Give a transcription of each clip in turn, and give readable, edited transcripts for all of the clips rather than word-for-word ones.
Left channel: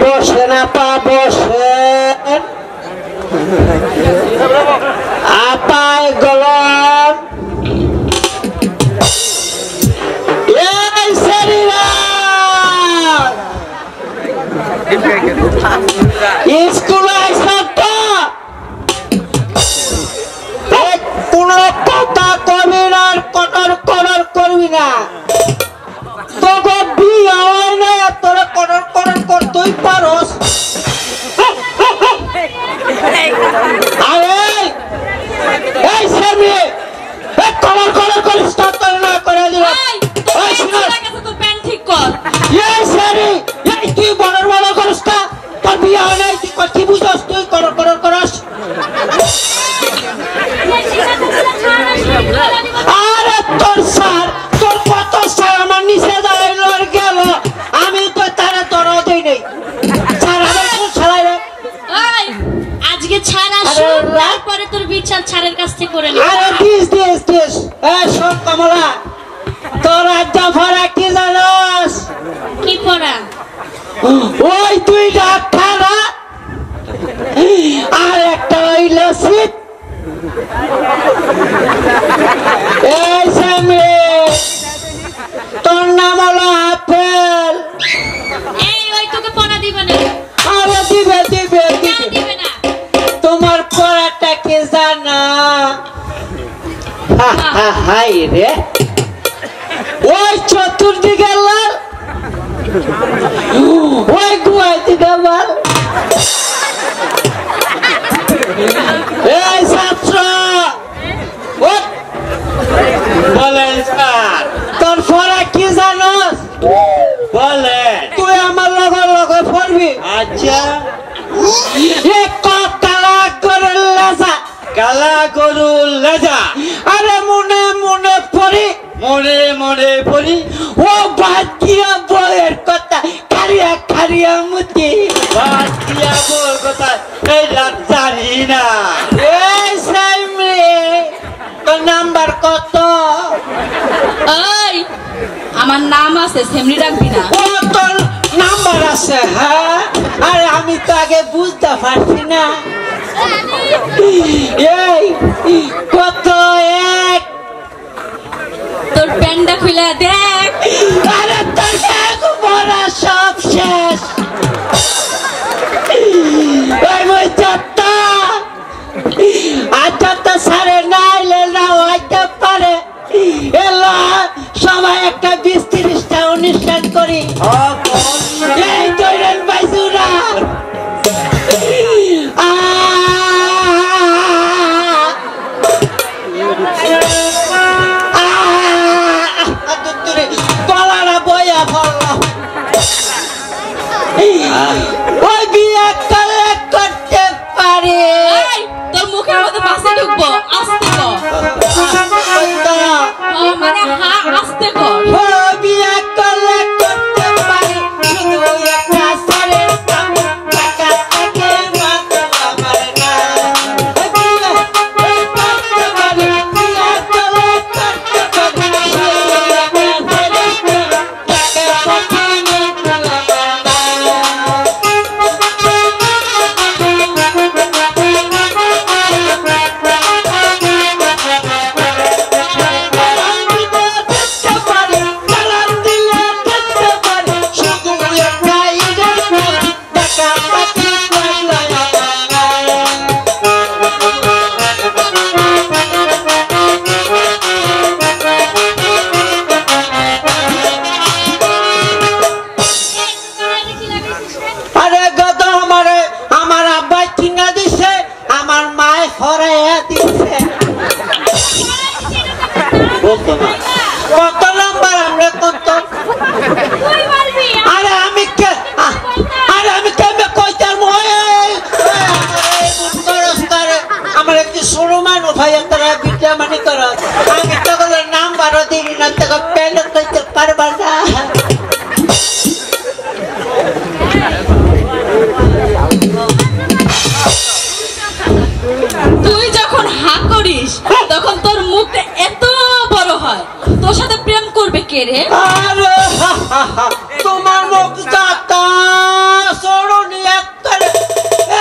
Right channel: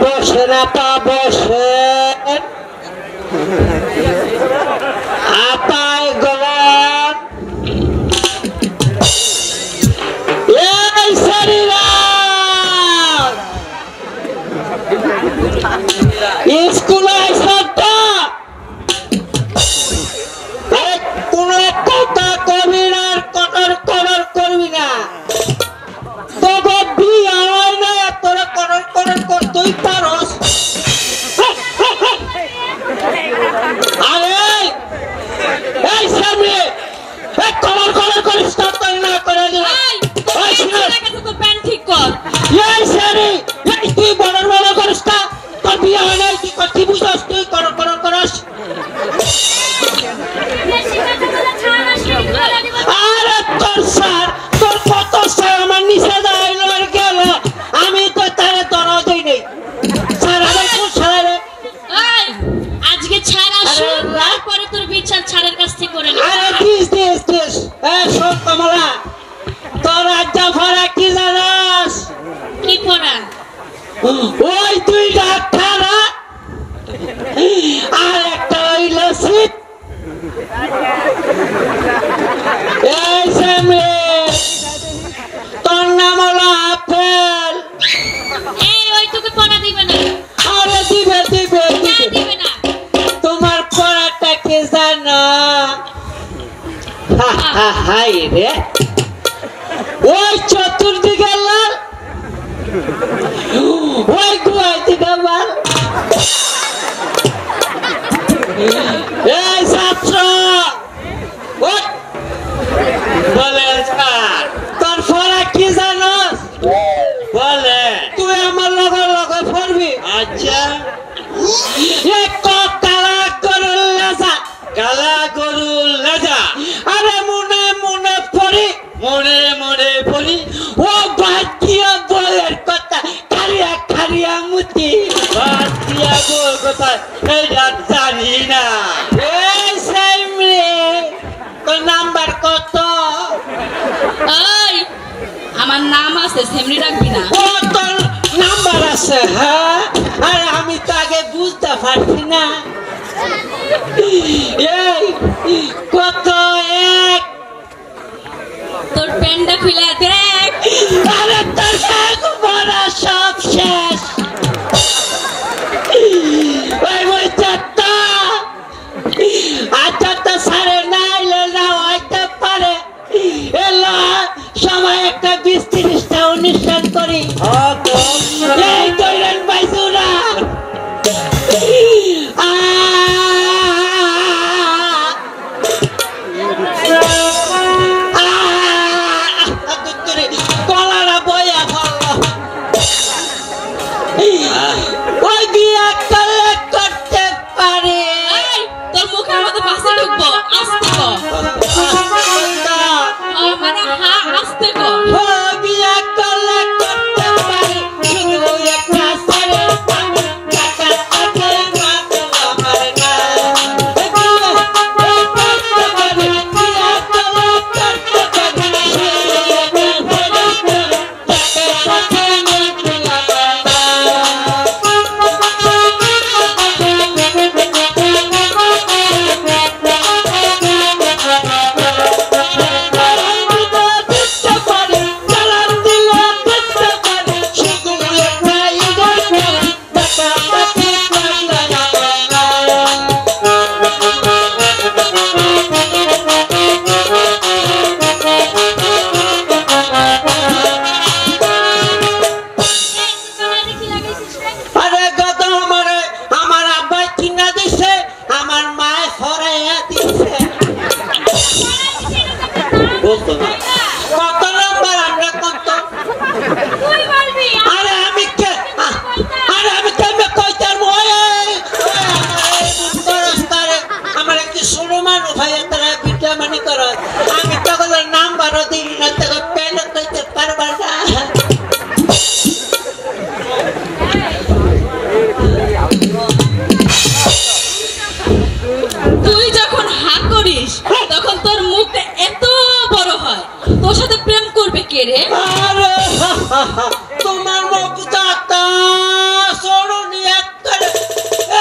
বসে না পা বসে আপায় গলন এই শরীরা স্কুলে আইসা তো কোনো কথা করবি না আর কটর কটর করবি না তোকে বিয়ে হয় না তোরা কটর কটর করতেই পারস আরে এই সামনে কটর কটর করিস তোর না করে দিল ঠিক কর এই সারি এই তুই বড় বড় করিস না তোর বিয়ে হয় না তুই কি বুঝছস তুই কটর কটর করস আরে তোর স্যার তোর কত স্যার আমার নিচে দাঁড়াইল আর গেল আমি তো তারা দরও দেই নাই স্যার আমার কোন ছাড়াই রে আজকে ছাড় আসুন তারপরে তোর বিচার ছাড়ের কাছ থেকে করে নিবি আরে দিস এই সব কমলা তোর আড্ডা ভরা কি জানাস কি করা ওই তুই ডাক্তার আর একটা হইল শীত এই সামনে তোর নাম হলো আপেল এই ওই তোকে পড়া দিবে না আরে দিবে দিবে না তোমার পড়াটা কে জানা হাই রে ওই চতুর্দিকে লাল ওই গুয়াই দিকে লাল এই ছাত্র বলেন তোর পড়া কি জানোস বলে তুই আমার লগে পড়বি আচ্ছা কালা গরুর লেজা আরে মনে মনে পড়ি ও বাতিয়া বইয়ের কথা খারিয়া মুতি বাতিয়া বইয়ের কথা এটা জানি না এই সামনে তোর নাম্বার কত ওই আমার নাম আছে সেমনি রাখবি না ও তোর নাম্বার আছে হ্যাঁ আর আমি তো আগে বুঝতে পারছি না এই কত এক তোর প্যান্ডা খুলে দেখ আরে তোর ব্যাগ ভরা সব শেষ ওই ওই চারটা আচ্ছা সারে না এলে না হইতে পারে এলো সবাই একটা 20-30টা অনুষ্ঠান করি এই দৈরেন বাইজুরা গলাটা বইয়া পড়লো ওই বিয়ে করতে পারে তোর মুখের মধ্যে বাসে ঢুকবো আস্তে কর মানে হ্যাঁ আস্তে কর বিয়ে করতে পারে শুধু একটা সারের কামে টাকা থাকে আমার না কত নাম্বার আমরা কত আরে আমি কেমনে কইতার আমার একটু সরু মানুষ ভাই তারা বিদ্যা মানি কর আমি তখন নাম্বারও দিবি না তখন পেন কইতে পারবার না তুই যখন হা করিস তখন তোর কে রে? আরে তোমার মুখটা সরনি একবারে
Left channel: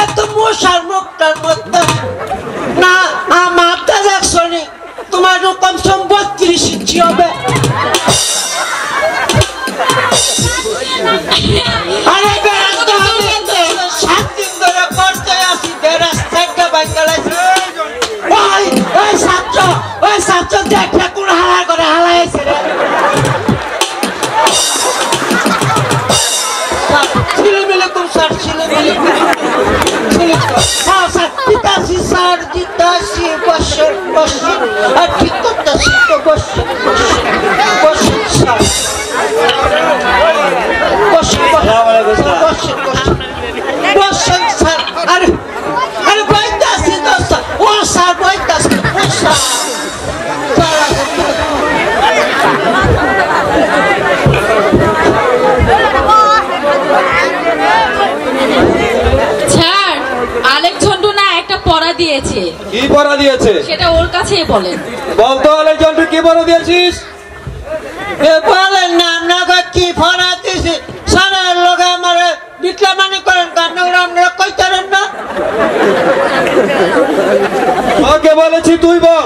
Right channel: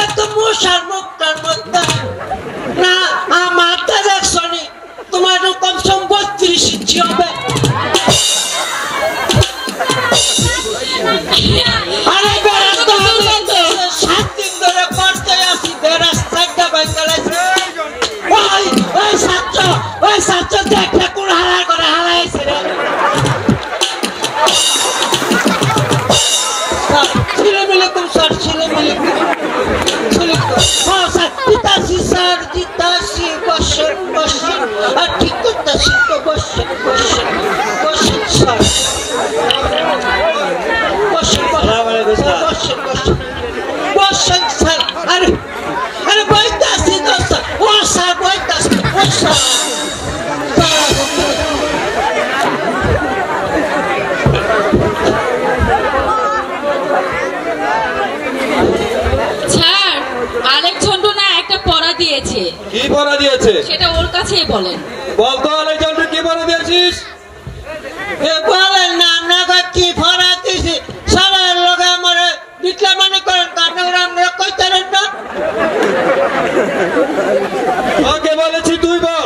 এত মশার মুখটার মধ্যে না আমারটা দেখছনি তোমার কমসম 32 ইঞ্চি হবে। আরে বেরাস্তা হবে 7 দিন ধরে পড়তে আসি বেরাস্তা একটা বাইকালাইছে। ওই ছাত্র দেখে কোন হালার করে হালাইছে রে। ছিলেমিলেকুম স্যার ছিলেমিলেকুম স্যার দিতাছি স্যার দিতাছি বসে বসে আর ঠিক করতেছি তো বসে বসে বসে স্যার বসে বসে বসে স্যার আরে আরে বইতাছি তো স্যার ও স্যার বইতাছি ও স্যার স্যার আলেক ঝন্টু না একটা পড়া দিয়েছে। কি পড়া দিয়েছে সেটা ওর কাছেই বলেন। বলতো আলেক ঝন্টু কি পড়া দিয়েছিস? বলেন না আপনাকে কি পড়া দিয়েছি স্যারের লগে আমার বিটলামানি করেন আপনারা কইতারেন না। ওকে বলেছি তুই বল।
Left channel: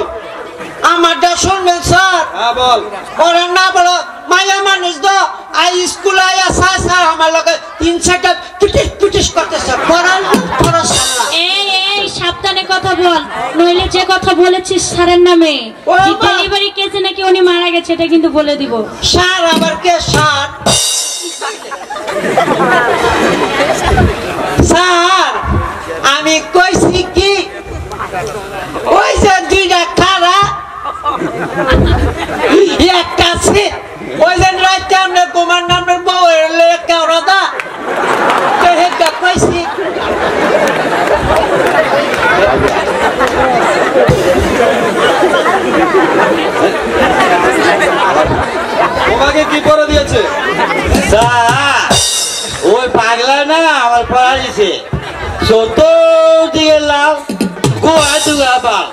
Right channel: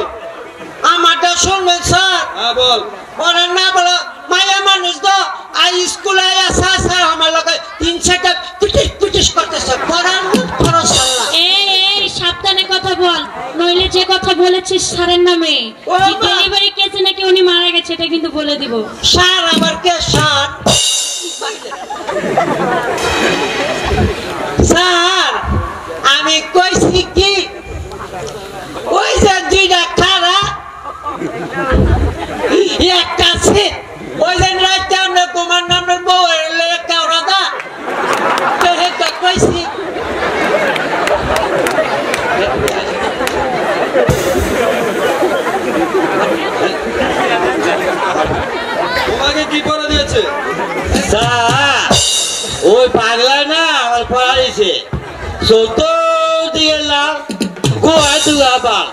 আমারটা শুনবেন স্যার। হ্যাঁ বল। ওরা না বলো মায়া মানুষ তো আই স্কুলে আয়া স্যার আমার লগে 3-4টা পিটিস করতেছে পড়ার পড়ো সাল্লা। এই সাবধানে কথা বল, নইলে যে কথা বলেছিস স্যারের নামে যে ডেলিভারি কেসে নাকি উনি মারা গেছে এটা কিন্তু বলে দিব। স্যার আবার কে স্যার? স্যার আমি কইছি কি ওই যে 2টা খারা একটা আছে ওই যে রাতে আমরা কুমার নামের বউ কেওড়া দা কইছি। তোমাকে কি পড়া দিয়েছে? ওই পাগলা না আমার পড়া দিয়েছে ছোট দিকে লাভ গোয়া দুয়া বাল।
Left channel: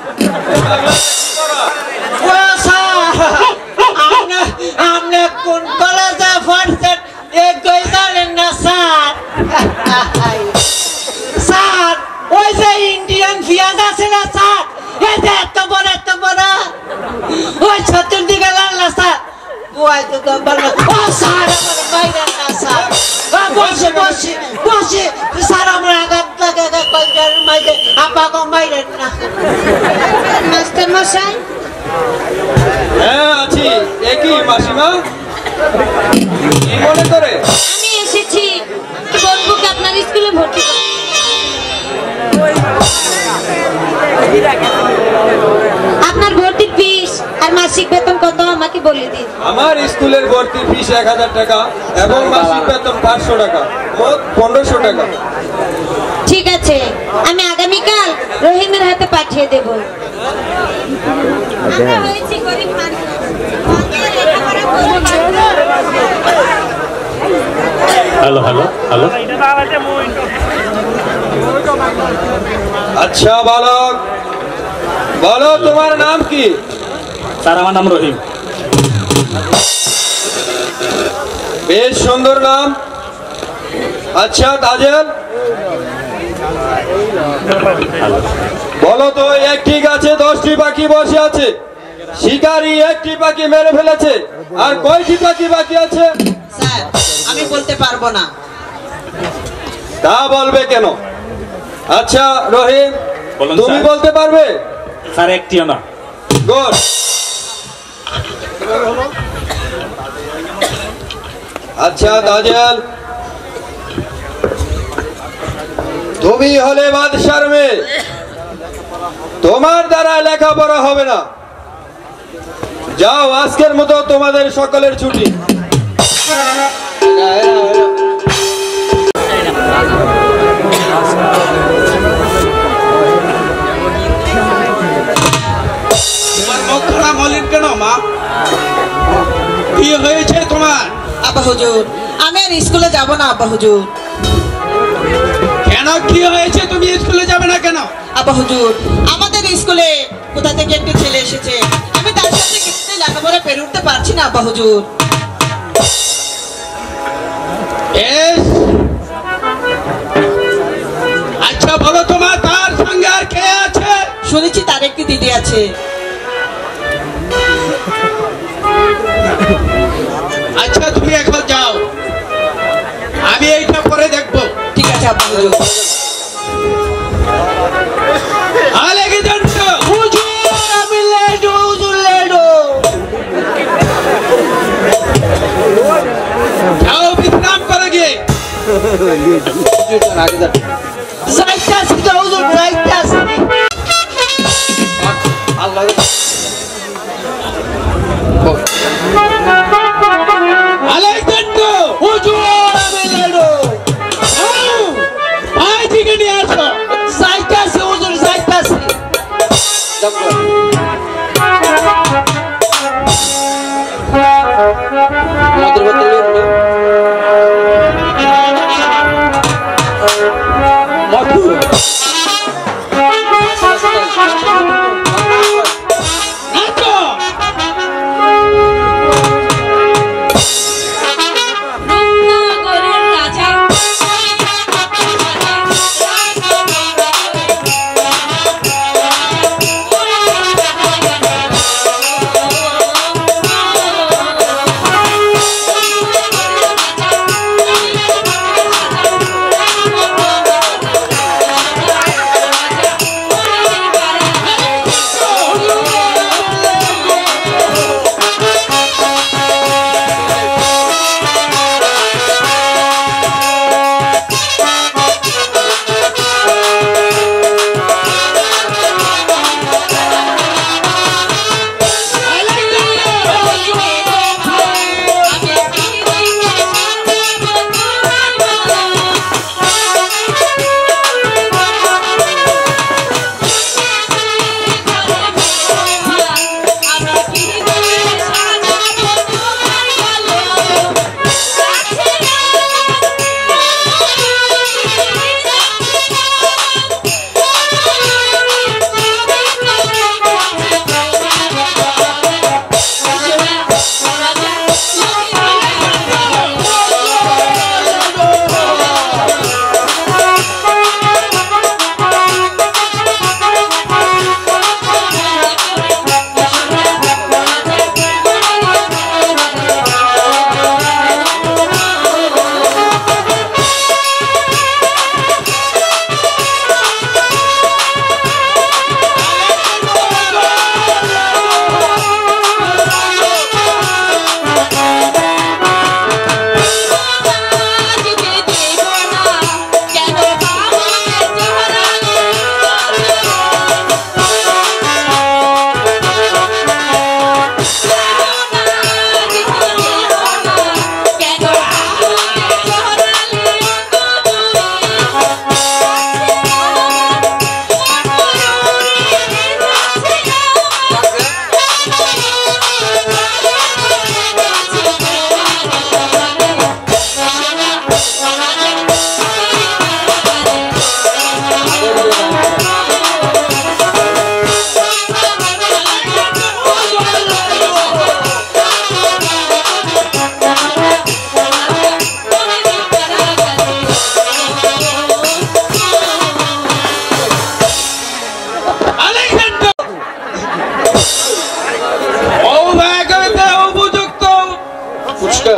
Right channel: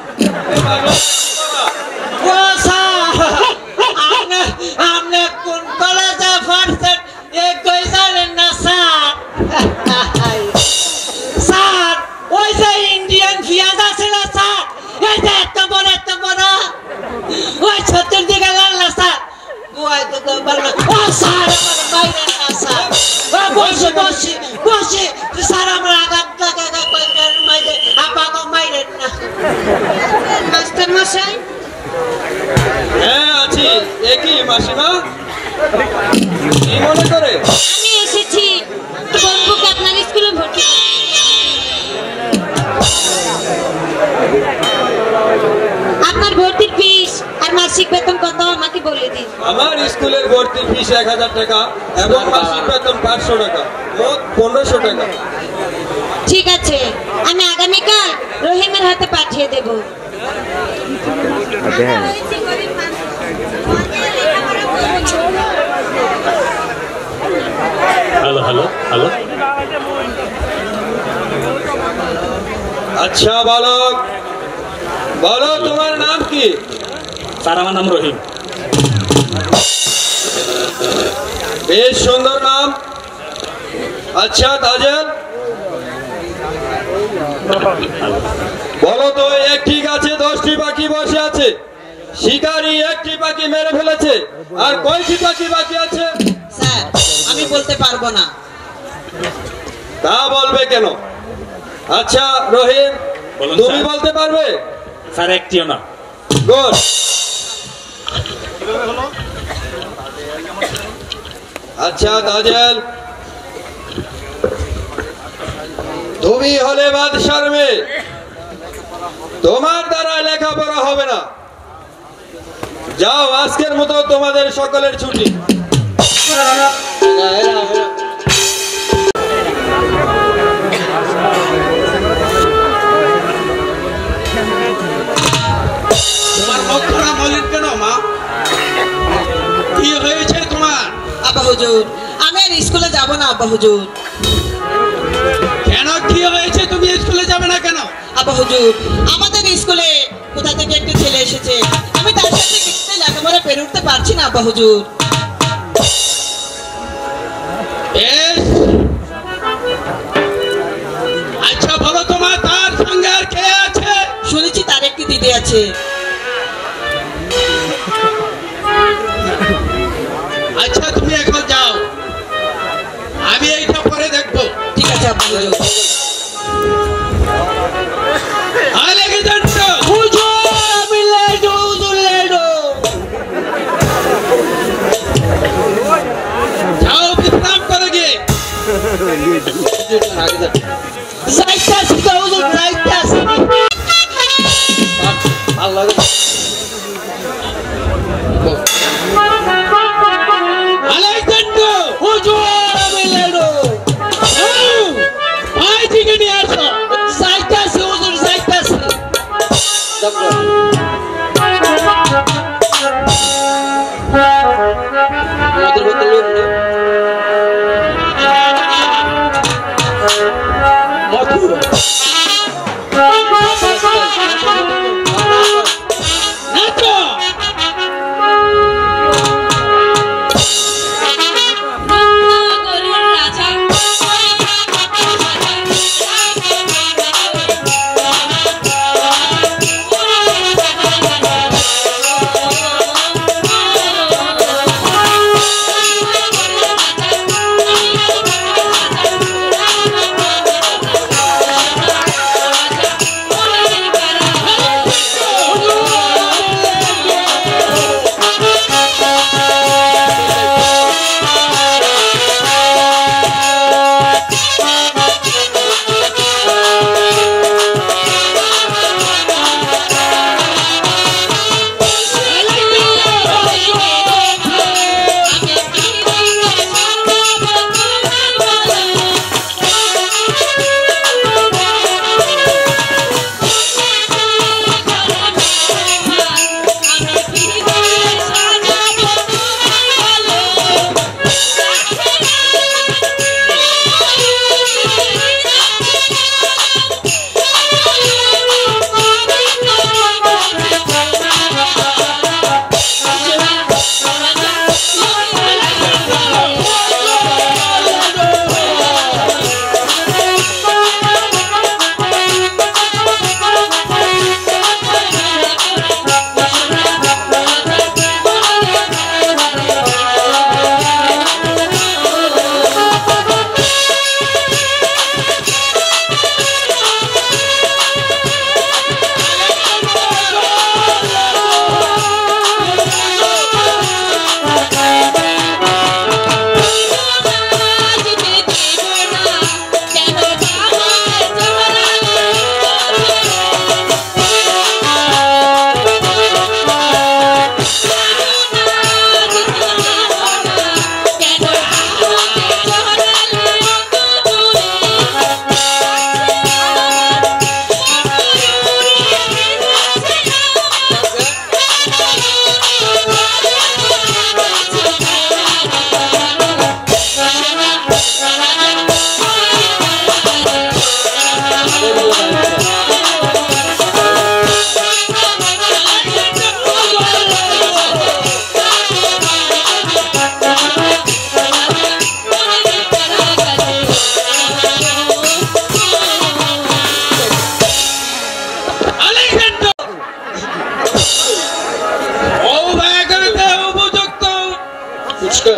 ও স্যার আপনি কোন কলেজে পড়ছেন এ কই জানেন না স্যার? স্যার ওই যে ইন্ডিয়ান পেঁয়াজ আছে না স্যার এই যে এত বড় ওই ছোটর দিকে লাল না স্যার ওই তো বড় ও স্যার আমার বাইরে না স্যার বসে স্যার আমরা আগাম থেকে কইটার মাইরে আপাকে মাইরে না মাস্টার মশাই। হ্যাঁ আছি। একই মাসিমা কি মনে করে? আমি এসেছি বন্ধুকে আপনার স্কুলে ভর্তি করতে। আপনার ভর্তির ফিস আর মাসিক বেতন কত আমাকে বলে দিন। আমার স্কুলের ভর্তি ফিস 1000 টাকা এবং মাসিক বেতন 500 টাকা, মোট 1500 টাকা। ঠিক আছে আমি আগামীকাল রহিমের হাতে পাঠিয়ে দেব। আমরা হয়েছি গরিব মানুষ, আমাদের লেখাপড়া করতে পারবো না। Hello hello hello. আচ্ছা বালক বলো তোমার নাম কি? স্যার আমার নাম রহিম। বেশ সুন্দর নাম। আচ্ছা তাজেল বলো তো একটি গাছে 10টি পাখি বসে আছে, শিকারী একটি পাখি মেরে ফেলেছে, আর কয়টি পাখি বাকি আছে? স্যার আমি বলতে পারবো না। তা বলবে কেন? আচ্ছা রহিম বলুন তুমি স্যার। বলতে পারবে? স্যার একটিও না। গুড। আচ্ছা তাজেল তুমি হলে বাদশার মেয়ে, তোমার দ্বারা লেখাপড়া হবে না। যাও আজকের মতো তোমাদের সকলের ছুটি। তোমার মুখখানা মলিন কেন মা? কি হয়েছে তোমার? আব্বা হুজুর আমি আর স্কুলে যাব না। আব্বা হুজুর কেন কি হয়েছে? তুমি স্কুলে যাবে না কেন? আব্বা হুজুর আমাদের স্কুলে কোথা থেকে একটা ছেলে এসেছে, আমি তার সাথে কিছুতেই লেখাপড়া পেরে উঠতে পারছি না। আব্বা হুজুর আচ্ছা বলো তোমার তার সঙ্গে আর কে আছে? শুনেছি তার একটি দিদি আছে। আচ্ছা তুমি এখন যাও, আমি এইটা পরে দেখবো। ঠিক আছে আব্বা হুজুর। আলেকজান্ডার হুজুর আমি লেডো, হুজুর লেডো। যাও বিশ্রাম করে গিয়ে। যাইতাছি তো হুজুর, যাইতাছি। আলেকজান্ডার হুজুর আমি লেডো। ভাইজিকে নিয়ে আসো। যাইতাছি হুজুর, যাইতাছি। নাচো। রূপনগরের রাজা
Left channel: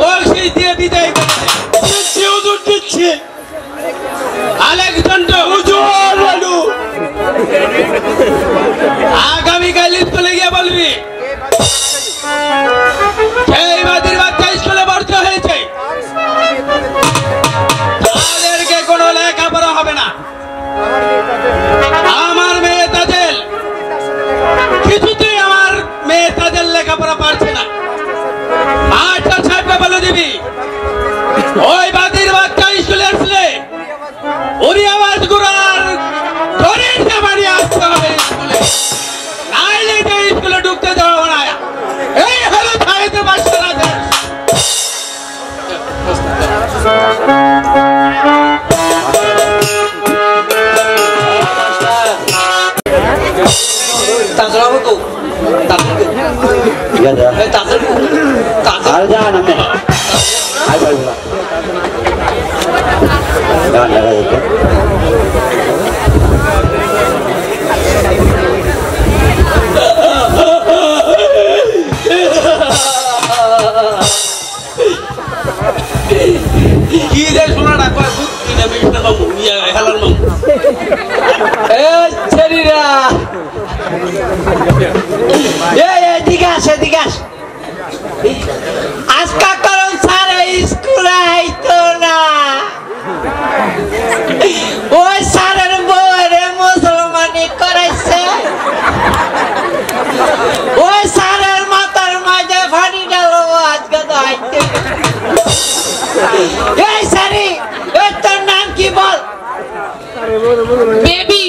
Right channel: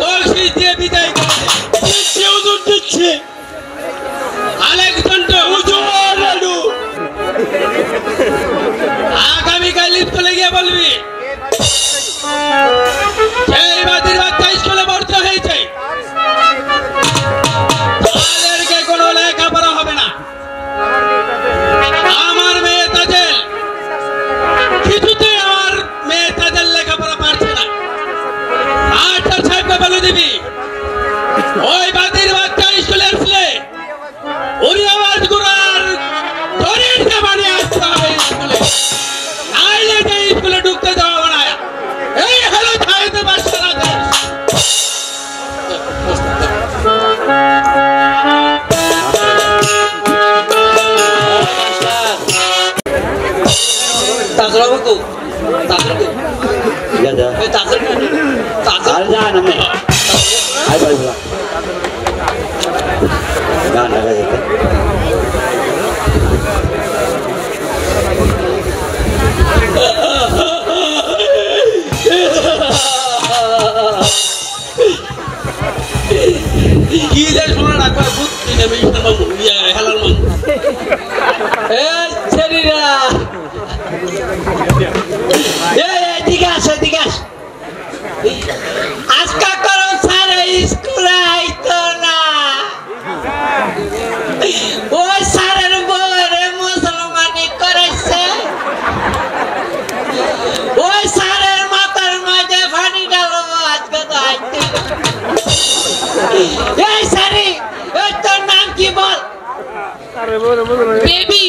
বলছি দিয়ে বিদায় দিচ্ছি হুজুর, দিচ্ছি। আলেকজান্ডার হুজুর আগামীকাল স্কুলে গিয়ে বলবি সেই বাদির বাচ্চা স্কুলে ভর্তি হয়েছে, তাদেরকে কোনো লেখাপড়া হবে না। আমার মেয়ে তাজেল কিছুতেই আমার মেয়ে তাজেল লেখাপড়া পারছে না। মাস্টার সাহেবকে বলে দিবি ওই বাদির বাচ্চা স্কুলে আসলে উনি আওয়াজ গুড়ার শরীর বাড়ি আসতে হবে স্কুলে, নাইলে যে স্কুলে ঢুকতে দেওয়া না। এই হলো ছায়াতে বাচ্চারা Ada. Ada nama. Ada. এদিকে আসে এদিকে আস আজকা করম স্যার স্কুলে আইতো না ওই স্যারের বউয়ের মুসলমানি করাইছে ওই স্যারের মাথার মাঝে ফানি গেল আজকে তো আইতে এই স্যারি তোর নাম কি বল বেবি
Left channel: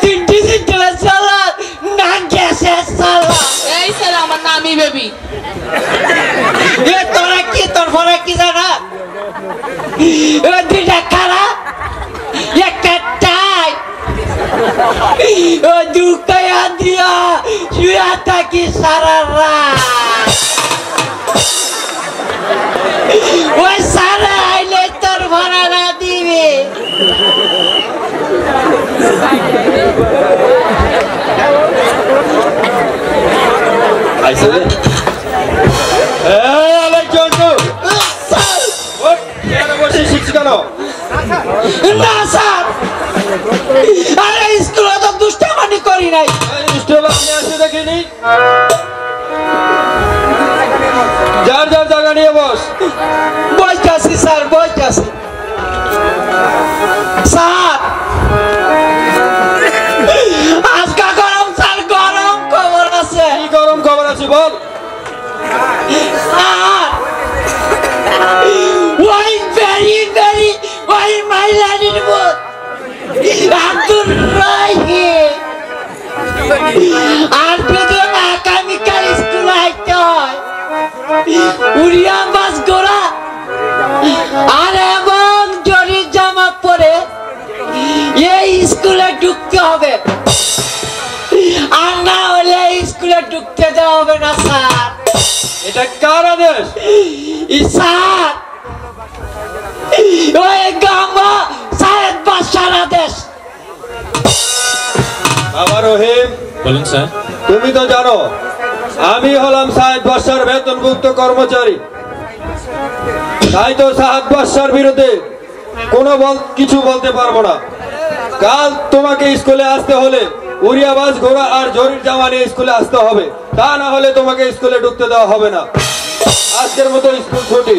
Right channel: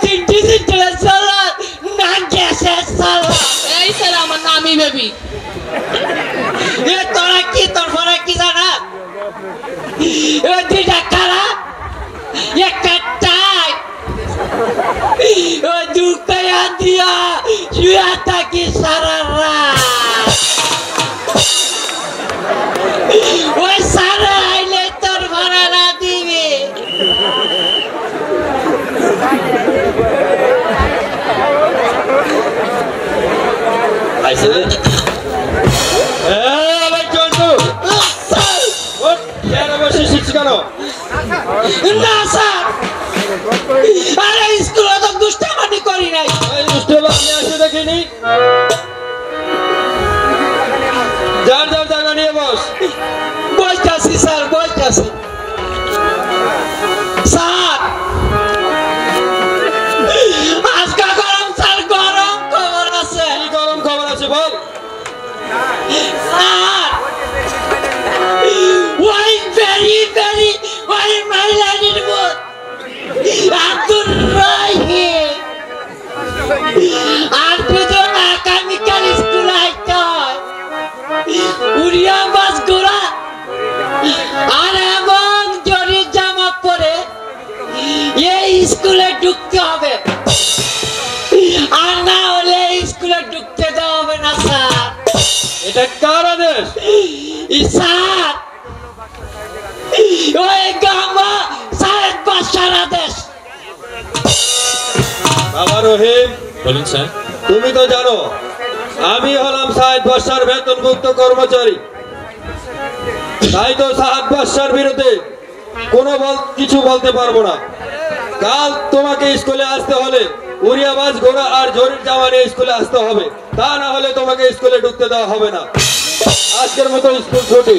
তিনটি চিন্তা চলা নাম গেছে চলা এই স্যার আমার নামই বেবি তোরা কি তোর ফলে কি জানা দুইটা খারা একটা টাই দুঃখয়া দিয়া শুয়া থাকি সারা রাত ওই সারা আইলে তোর ভাড়া দিবে না স্যার আরে স্কুলে তো দুষ্টামানি করি নাই দেখিনি যার যার জায়গা নিয়ে বস বসতেছি স্যার বসতেছি স্যার আজকা গরম স্যার গরম খবর আছে কি গরম খবর আছে বল স্যার ওই ভেরি ওই মাইলানির বোধ আব্দুর রাহিম আর যদি আগামীকাল স্কুল আইতে হয় উড়িয়া বাস গোড়া আর এবং জরির জামা পরে এই স্কুলে ঢুকতে হবে আর না হলে স্কুলে ঢুকতে দেওয়া হবে না স্যার এটা কার আদেশ স্যার ওই গামা সাহেব বাসার আদেশ বাবা রহিম বলুন স্যার তুমি তো জানো আমি হলাম সাহেদ বাদশার বেতনভুক্ত কর্মচারী তাই তো সাহেদ বাদশার বিরুদ্ধে কোনো কিছু বলতে পারবো না কাল তোমাকে স্কুলে আসতে হলে উড়িয়াবাজ ঘোড়া আর জরির জামা নিয়ে স্কুলে আসতে হবে তা না হলে তোমাকে স্কুলে ঢুকতে দেওয়া হবে না আজকের মতো স্কুল ছুটি